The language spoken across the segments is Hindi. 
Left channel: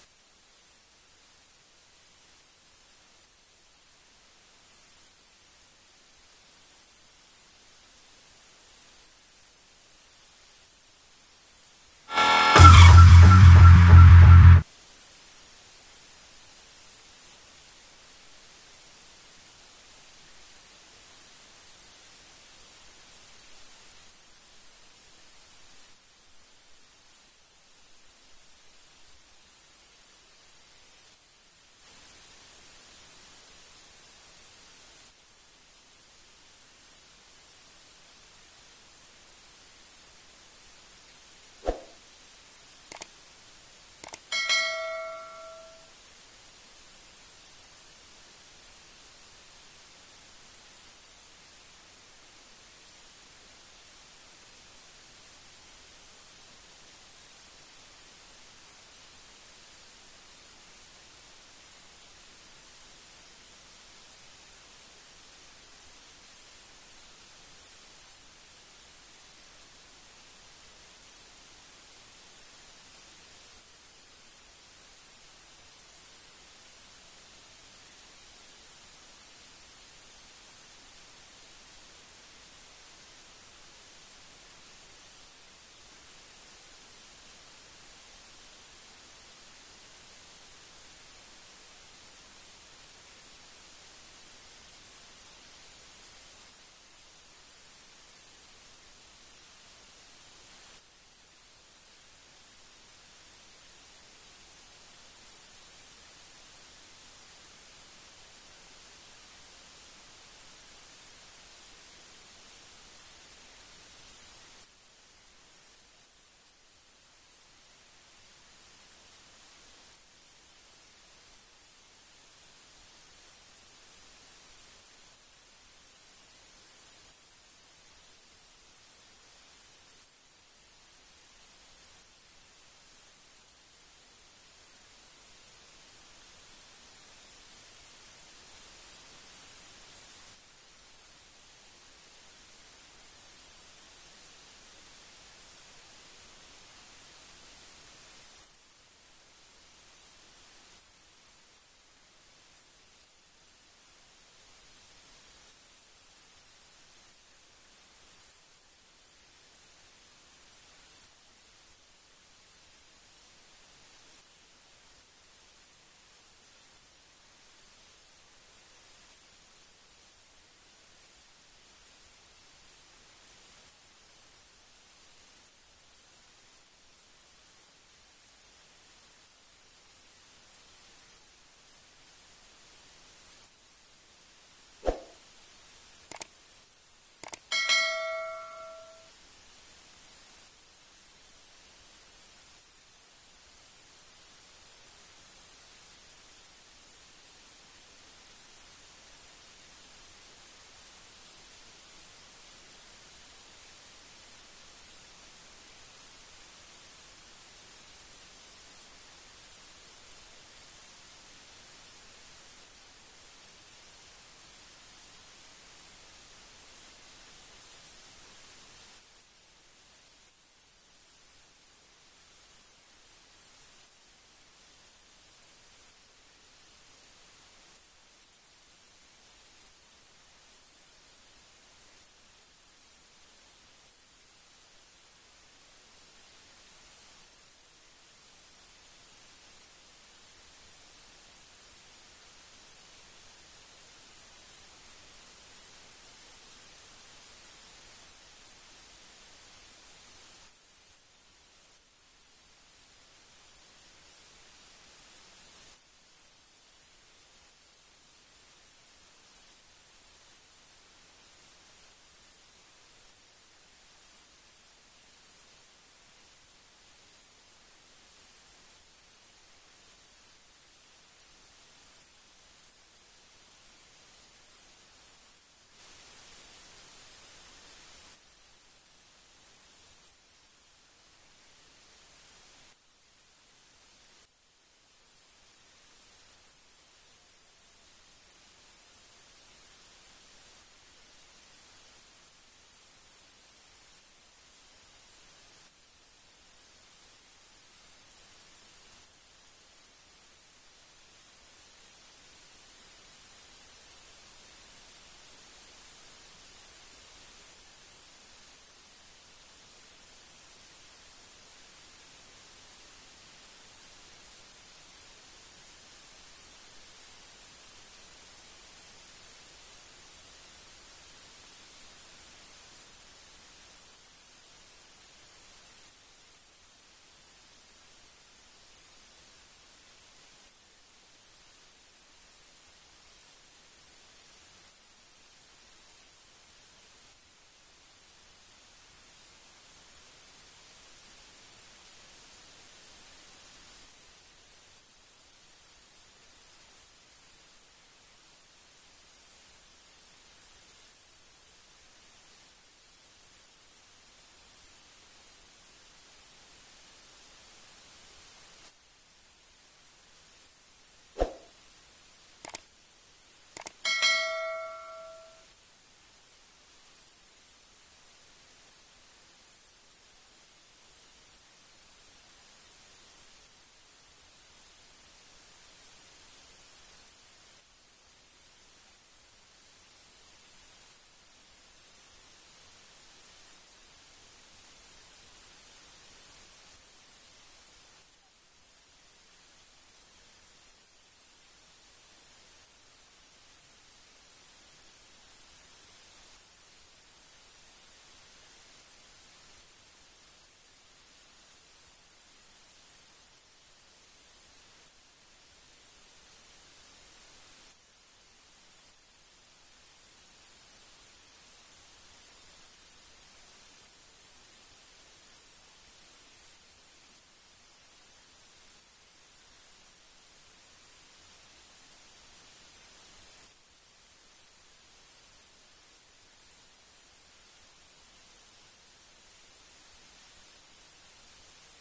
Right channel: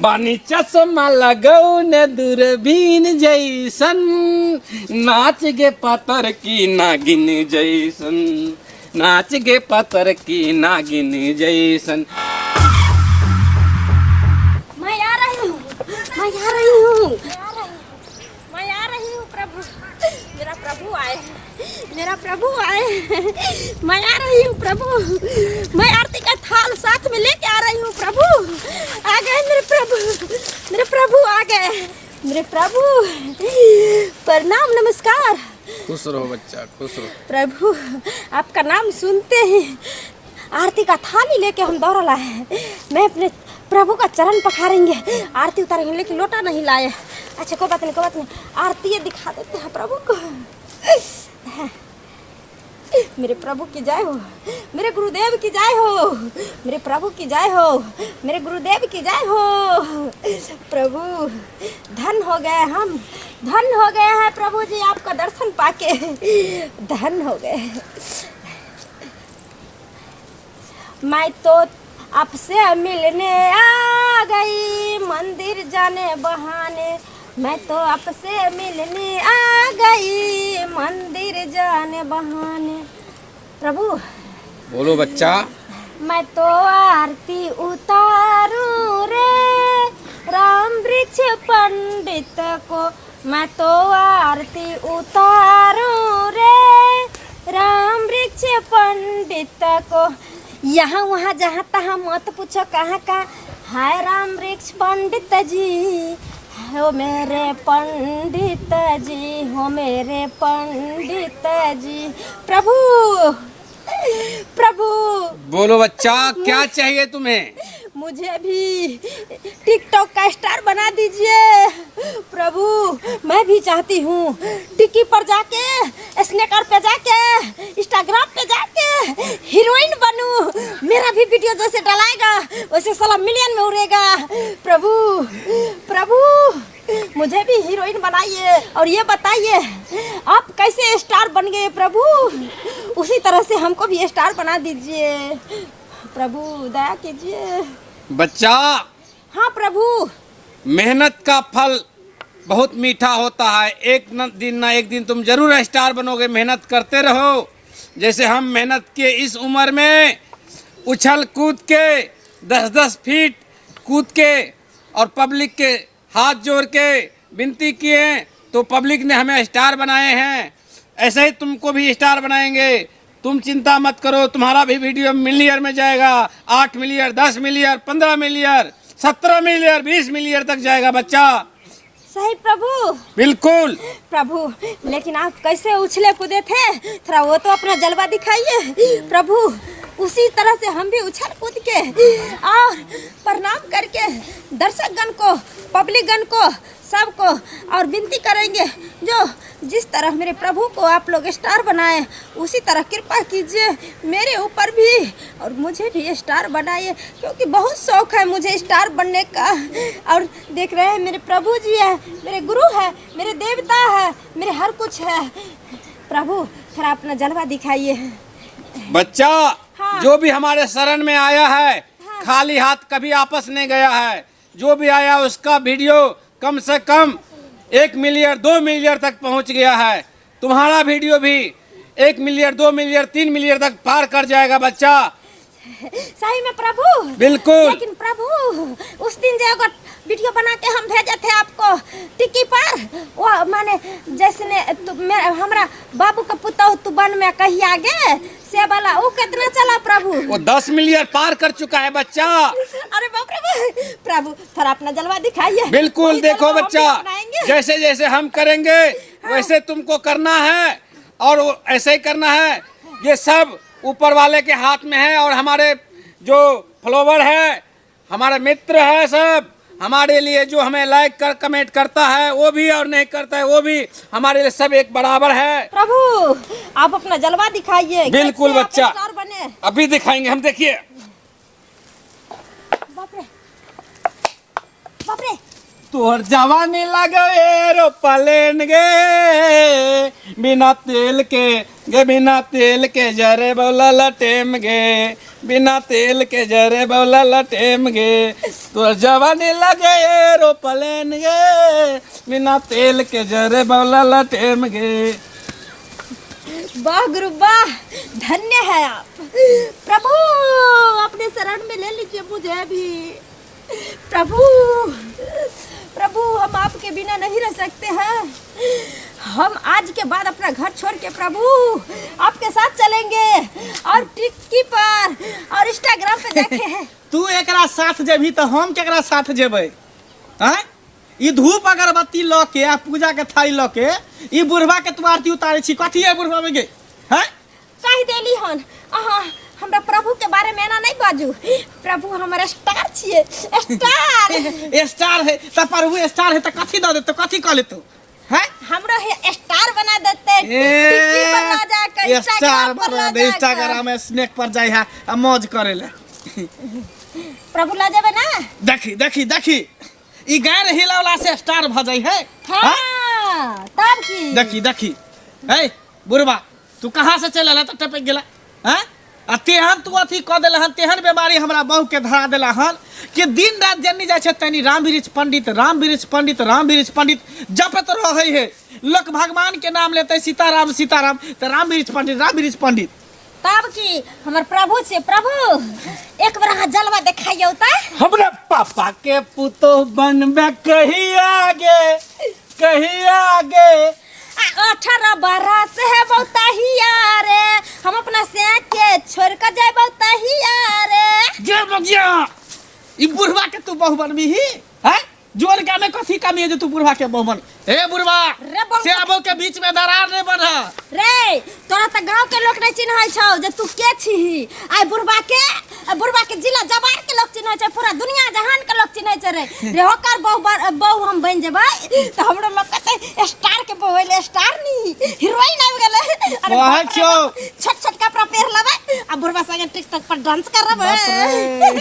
बानी चश्मा लगौने दूरबीन जैसन, नाच गे पातर की नागिन जैसन, नाच गे पातर की नागिन जैसन। मैं आ रही हूँ, मैं आ रही हूँ, मैं आ रही हूँ प्रभु, मेरा प्रभु आए, मेरा प्रभु आए, मैं आ रही हूँ प्रभु, मैं आरती का थाल साथ में लेके आ रही हूँ प्रभु। आ गए मेरे प्रभु, मेरे प्रभु आ गए, मेरे प्रभु। प्रणाम, नमस्कार। खुश रहो बच्चा, खुश रहो। प्रभु आपका नाम सुनते ही आरती का थाली लेके हम दौड़ लाए हैं। मैं अपने प्रभु का चरण पखारेंगे, आरती उतारेंगे, लेकिन लोटा नहीं लाए। अच्छा कोई बात नहीं, कोई बात नहीं, आरती ये दिखा देते हैं प्रभु को। मेरे प्रभु की जय हो, मेरे गुरुदेव की जय हो, मेरे प्रभु की जय हो, मेरे गुरुदेव की जय हो। प्रभु धन हो गए हम, धन हो गए हैं प्रभु जी, आपका दर्शन पाके धन हो गए। मैं तो आपसे मिलने आ गई मंदिर जाने बहाने, मैं तो आपसे मिलने आ गई मंदिर जाने बहाने। प्रभु बोलो बच्चा। मैं तो आरती उतारूं रे राम वृक्ष पंडित को, मैं तो आरती उतारूं रे राम वृक्ष पंडित को। यहाँ वहाँ जहाँ तहाँ मत पूछो कहाँ का है राम वृक्ष पंडित जी, हो मेरे पंडित जी, हो मेरे पंडित जी। प्रभु प्रभु बोलो बच्चा, क्या चाहिए तुम्हें? मुझे भी टिकटॉक का स्टार बना दीजिए प्रभु। मैं भी चाहती हूँ टिकी पर जाके, स्नैकर पे जाके, इंस्टाग्राम पे जाके हीरोइन बनूं। मेरा भी वीडियो जैसे डलाएगा वैसे साला मिलियन में उड़ेगा। प्रभु प्रभु मुझे भी हीरोइन बनाइए और ये बताइए आप कैसे स्टार बन गए प्रभु, उसी तरह से हमको भी स्टार बना दीजिए प्रभु, दया कीजिए। बच्चा हाँ प्रभु। मेहनत का फल बहुत मीठा होता है, दिन ना एक दिन तुम जरूर स्टार बनोगे। मेहनत करते रहो, जैसे हम मेहनत के इस उम्र में उछल कूद के 10-10 फीट कूद के और पब्लिक के हाथ जोड़ के विनती किए तो पब्लिक ने हमें स्टार बनाए हैं। ऐसे ही तुमको भी स्टार बनाएंगे, तुम चिंता मत करो। तुम्हारा भी वीडियो मिलियन में जाएगा, 8 million, 10 million, 15 million, 17 million, 20 million तक जाएगा बच्चा। सही प्रभु, बिल्कुल प्रभु। लेकिन आप कैसे उछले कूदे थे, थोड़ा वो तो अपना जलवा दिखाइए प्रभु। उसी तरह से हम भी उछल कूद के और प्रणाम करके दर्शक गण को, पब्लिक गण को, सबको और विनती करेंगे जो जिस तरह मेरे प्रभु को आप लोग स्टार बनाए उसी तरह कृपा कीजिए मेरे ऊपर भी और मुझे भी स्टार बनाइए, क्योंकि बहुत शौक है मुझे स्टार बनने का। और देख रहे हैं मेरे प्रभु जी है, मेरे गुरु है, मेरे देवता है, मेरे हर कुछ है। प्रभु थोड़ा अपना जलवा दिखाइए बच्चा। हाँ। जो भी हमारे शरण में आया है हाँ। खाली हाथ कभी आपस नहीं गया है। जो भी आया उसका वीडियो कम से कम 1 मिलियन 2 मिलियन तक पहुंच गया है। तुम्हारा वीडियो भी 1 मिलियन 2 मिलियन 3 मिलियन तक पार कर जाएगा बच्चा। सही में प्रभु। बिल्कुल। लेकिन प्रभु उस दिन जो वीडियो बना के हम भेजे थे आपको टिकी पर, वो माने जैसे हमारा बाबू का पुतौ तू बन में कहीं आगे से वाला वो कितना चला प्रभु? वो 10 मिलियन पार कर चुका है बच्चा। अरे बाप रे प्रभु, थोड़ा अपना जलवा दिखाइए। बिल्कुल देखो बच्चा, जैसे जैसे हम करेंगे वैसे तुमको करना है और ऐसे ही करना है। ये सब ऊपर वाले के हाथ में है और हमारे जो फॉलोवर है, हमारे मित्र है, सब हमारे लिए जो हमें लाइक कर कमेंट करता है वो भी और नहीं करता है वो भी, हमारे लिए सब एक बराबर है। प्रभु आप अपना जलवा दिखाइए। बिल्कुल बच्चा, बने अभी दिखाएंगे हम। देखिए बाप रे, बाप रे। तोर जवानी लगे एरोप्लेन गे, बिना तेल के गे, बिना तेल के जरे बोला लटेम गे। बिना तेल के जरे बौला लटेम गे तो जवानी लगे एरोप्लेन गे बिना तेल के जरे बौला लटेम गे। वाह गुरु वाह, धन्य है आप प्रभु। अपने शरण में ले लीजिए मुझे भी प्रभु। प्रभु हम आपके बिना नहीं रह सकते हैं। हम आज के बाद अपना घर छोड़ के प्रभु आपके साथ चलेंगे और टिक्की पर और इंस्टाग्राम पे देखे हैं। तू एकरा साथ जेबी तो हम केकरा साथ जेबै? हैं? ई धूप अगरबत्ती ल के आ पूजा के थाली ल के ई बुढ़वा के तू आरती उतारे छी, कथी है बुढ़वा में गे? हैं? कह देली हन अहाँ हमरा प्रभु के बारे में ना नहीं बाजू। प्रभु हमारा स्टार छिए, स्टार। स्टार है त प्रभु स्टार है त कथी द दे तो कथी क ले तू? हैं? हमरा है स्टार बना देते, टिक्की पर ला जाकर स्टार पर ला पर इंस्टाग्राम में स्नैक पर जाई है आ मौज करे ले। प्रभु ला जाबे ना। देखी देखी देखी ई गाय हिला वाला से स्टार भ जाई है। हां तब की देखी देखी ए बुढ़वा तू कहां से चल आला त टपक गेला? हैं? आ तेहन तू अथी क देला हन, तेहन बीमारी हमरा बहु के धरा देला हन कि दिन रात जन्नी जाय छै तनी राम वृक्ष पंडित राम वृक्ष पंडित राम वृक्ष पंडित जपत रहै है। लोक भगवान के नाम लेते सीताराम सीताराम त राम वृक्ष पंडित। तब की हमर प्रभु से प्रभु एक बार हां जलवा दिखाइयो त। हमरा पापा के पुतो बनबे कहीं आगे 18 बरस है बहुताहिया रे, हम अपना से के छोड़ कर जाए बहुताहिया रे। जे बगिया ई बुढ़वा के तू बहु बनबी ही हैं? जोर का में कथी कमी है जो तू बुढ़वा के बहु बन? ए बुढ़वा रे बहु से आबो के बीच में दरार नहीं बन रे। तोरा त गांव के लोग नहीं चिन्है छौ जे तू के छी। आई बुढ़वा के जिला जबार के लोग चिन्है छै, पूरा दुनिया जहान के लोग चिन्है छै रे। रे होकर बहु हम बन जेबै त हमरो लोग कहते स्टार के बहु ले, स्टार नी हीरोइन आबि गेलै। अरे वाह छौ छोट छोट कपड़ा पहिर लेबै आ बुढ़वा संगे टिकटॉक पर डांस करबै।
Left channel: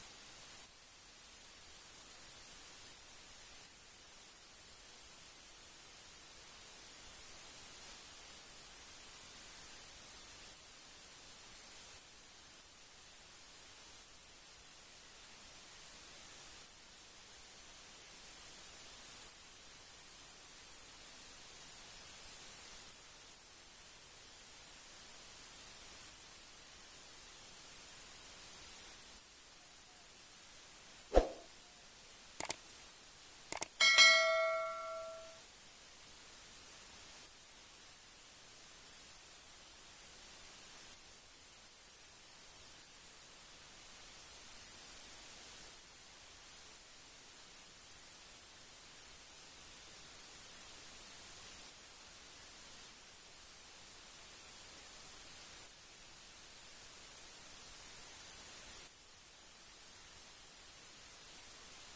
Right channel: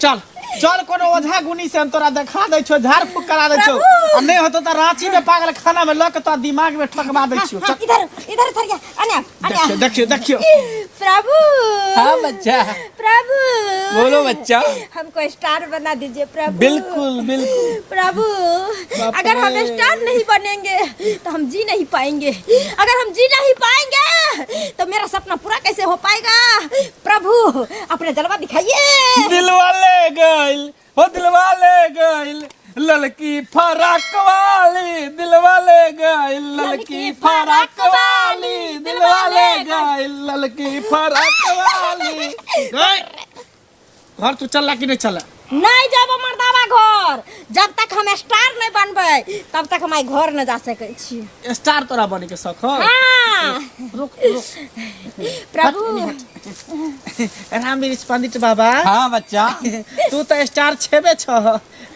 चल चल कोनो ओझा गुनी से हम तोरा देखा दै छो, झाड़ फूक करा दै छो। आ नहीं होतो त रांची में पागल खाना में लक तो दिमाग में ठकवा दै छो। चल इधर थरिया अने देखियो प्रभु। हाँ बच्चा प्रभु बोलो बच्चा। हमको स्टार बना दीजिए प्रभु। बिल्कुल बिल्कुल प्रभु अगर हम स्टार नहीं बनेंगे तो हम जी नहीं पाएंगे। अगर हम जी नहीं पाएंगे तो मेरा सपना पूरा कैसे हो पाएगा? प्रभु अपने जलवा दिखाइए। दिलवा ले गइल हो दिलवा ले गइल ललकी फराक वाली, दिलवा ले गइल ललकी फराक वाली, दिलवा ले गइल ललकी फराक वाली। घर तू चलला कि नहीं चला? नहीं जब मर्दावा घर, जब तक हम स्टार नहीं बनबै तब तक हम घर न जा सकै छी। स्टार तोरा बने के शौक हो? हाँ रुक प्रभु। राम वृक्ष पंडित बाबा हाँ बच्चा तू तो स्टार छेबे छ,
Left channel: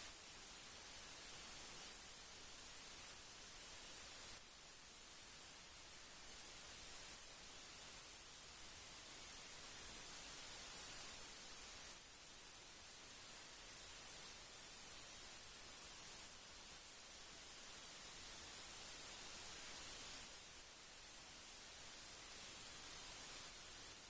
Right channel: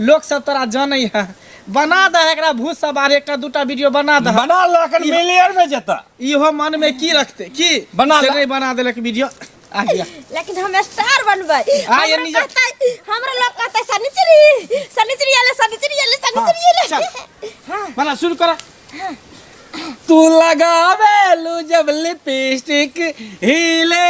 लोग सब तोरा जानै है। बना दे एकरा भूत सवार एकटा दूटा वीडियो बना दे। बना लखन मिलियन में जता इहो मन में की रखते की बना ला। नहीं बना देलक वीडियो आ गया। लेकिन हम स्टार बनबै। ये नहीं जा- हमरा लोग कहते सनिचरी आले। हाँ बना शुरू करा। तू लगावेलू जब लिपस्टिक हिले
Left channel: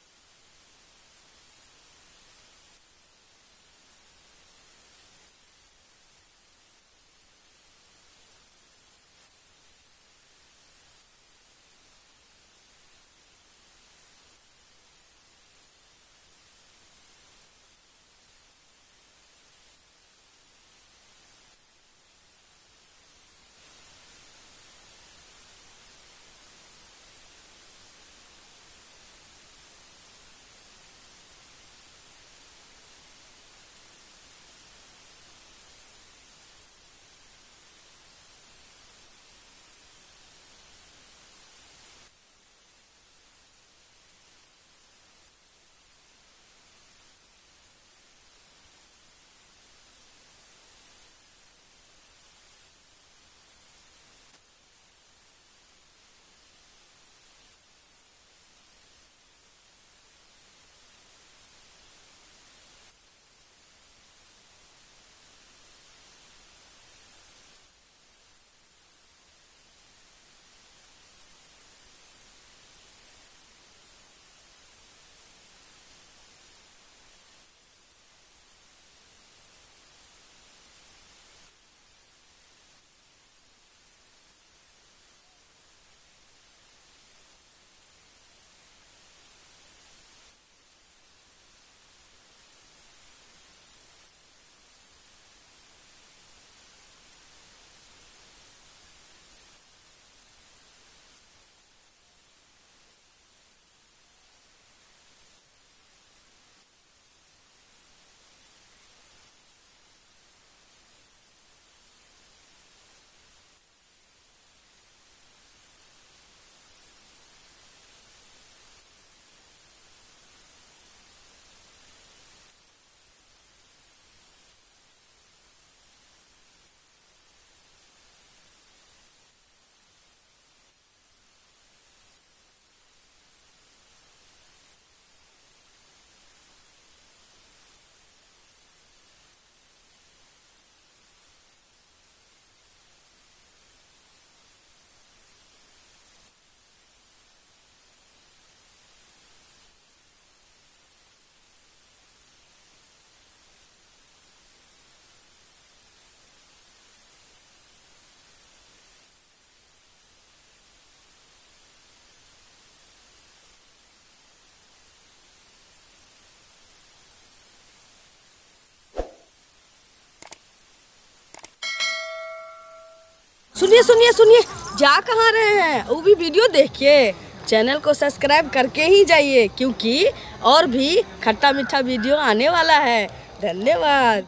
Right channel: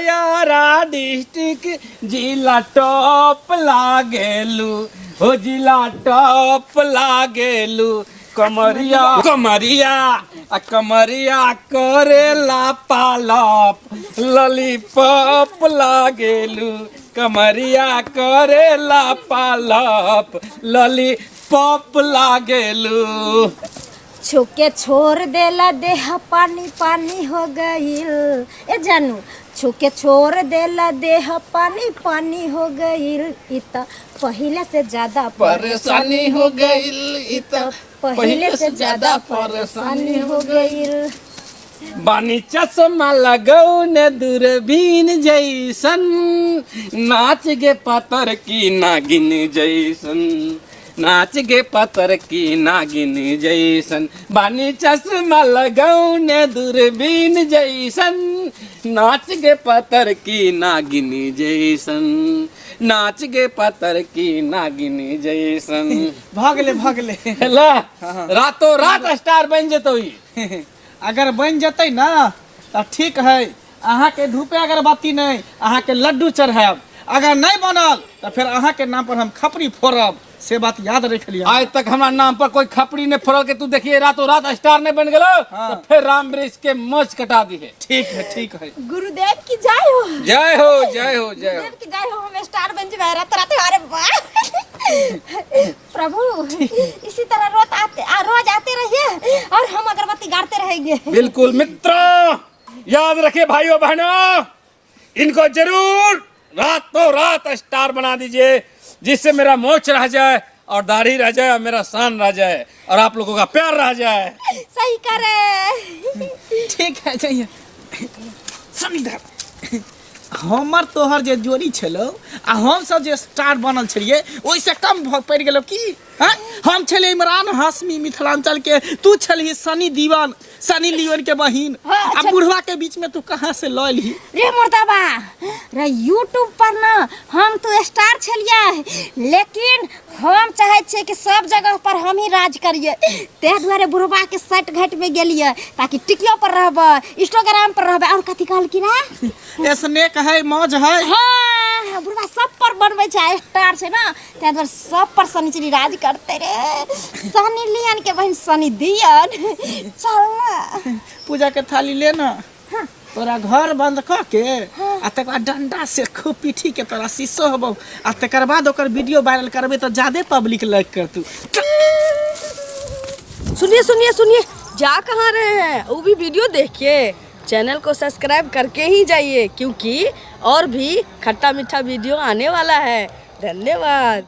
यारा डिस्टिक जिला टॉप लागेलू हो जिला टॉप लागेलू कमरिया कमरिया करेला पालप लॉलीपॉप लागेलू कमरिया करेला पालप लॉलीपॉप लागेलू। छुके छोड़ देला देह पानी पानी हो गईल। ए जानू छुके छोड़ देला देह पानी पानी हो गईल। इता पहले से ज्यादा परेशानी हो गईल इता पहले से ज्यादा परेशानी हो गईल। बानी चश्मा लगौने दूरबीन जैसन नाच गे पातर की नागिन जैसन नाच गे पातर की नागिन जैसन बानी चश्मा लगौने दूरबीन जैसन नाच गे पातर की नागिन जैसन नाच गे पातर की नागिन जैसन। भागले हेला रातों रात स्टार बन जतो। अगर बन जतै ना तो ठीक है, अहाँ के धूपे अगरबत्ती नहीं, अहाँ के लड्डू चढ़ाब। अगर नहीं बनल तो फिर अहाँ के नाम पर हम खपरी फोड़ब, से बात याद रख लिया। आज तक हमारा नाम पर कोई खपड़ी ने फोड़ल के तू देखिए रातों रात स्टार ने बन गलो। तो फिर राम वृक्ष के मोच कटा दी है। ठीक है, ठीक है। गुरुदेव की जय हो, जय हो, जय हो, जय हो। गुरुदेव की जय हो। हम स्टार बन जाए रात रात। अरे वाह प्रभु, इसी तरह रोज आते रहिए और हम अगरबत्ती गाड़ते रहेंगे। बिल्कुल मित्रों, याद रखिए भाइयों बहनों, इनको जरूर रातों रात स्टार बना दीजिए, जिससे मेरा मोच रह जाए और दाढ़ी रह जाए और मेरा शान रह जाए और आप लोगों का प्यार रह जाए। सही करे। ठीक है, जाइए। हमर तोहर जे जोड़ी छलो आ हम सब जे स्टार बनल छलिए ओइसे कम पड़ गेलो की। हाँ? हम छले इमरान हाशमी मिथिलांचल के, तू छलही सनी लियोन के बहिन। आ बुढ़वा के बीच में तू कहाँ से लऽ ली रे मुर्दाबा? रे यूट्यूब पर ना हम तो स्टार छलिए, लेकिन हम चाहे छे कि सब जगह पर हम ही राज करिए। ते दुआरे बुढ़वा के सट घाट में गेलिए ताकि टिकियो पर रहबे, इंस्टाग्राम पर रहबे और कथी कहल की ना ऐसने कहे मौज है। हाँ, बुढ़वा सब पर बनबै छै, स्टार छै ना, ते दुआरे सब पर शनिचरी राज करते रे। सनी लियन के बहन सनी दियन। चल ना पूजा के थाली लेना। तोरा घर बंद क के आ तकर बाद डंडा से खूब पीठी के तोरा शीशो हबो आ तकर बाद ओकर वीडियो वायरल करबे तो ज्यादा पब्लिक लाइक कर तू। सुनिए सुनिए सुनिए, जा कहाँ रहे हैं? वो भी वीडियो देखिए, चैनल को सब्सक्राइब करके ही जाइए, क्योंकि और भी खट्टा मीठा वीडियो आने वाला है। धन्यवाद।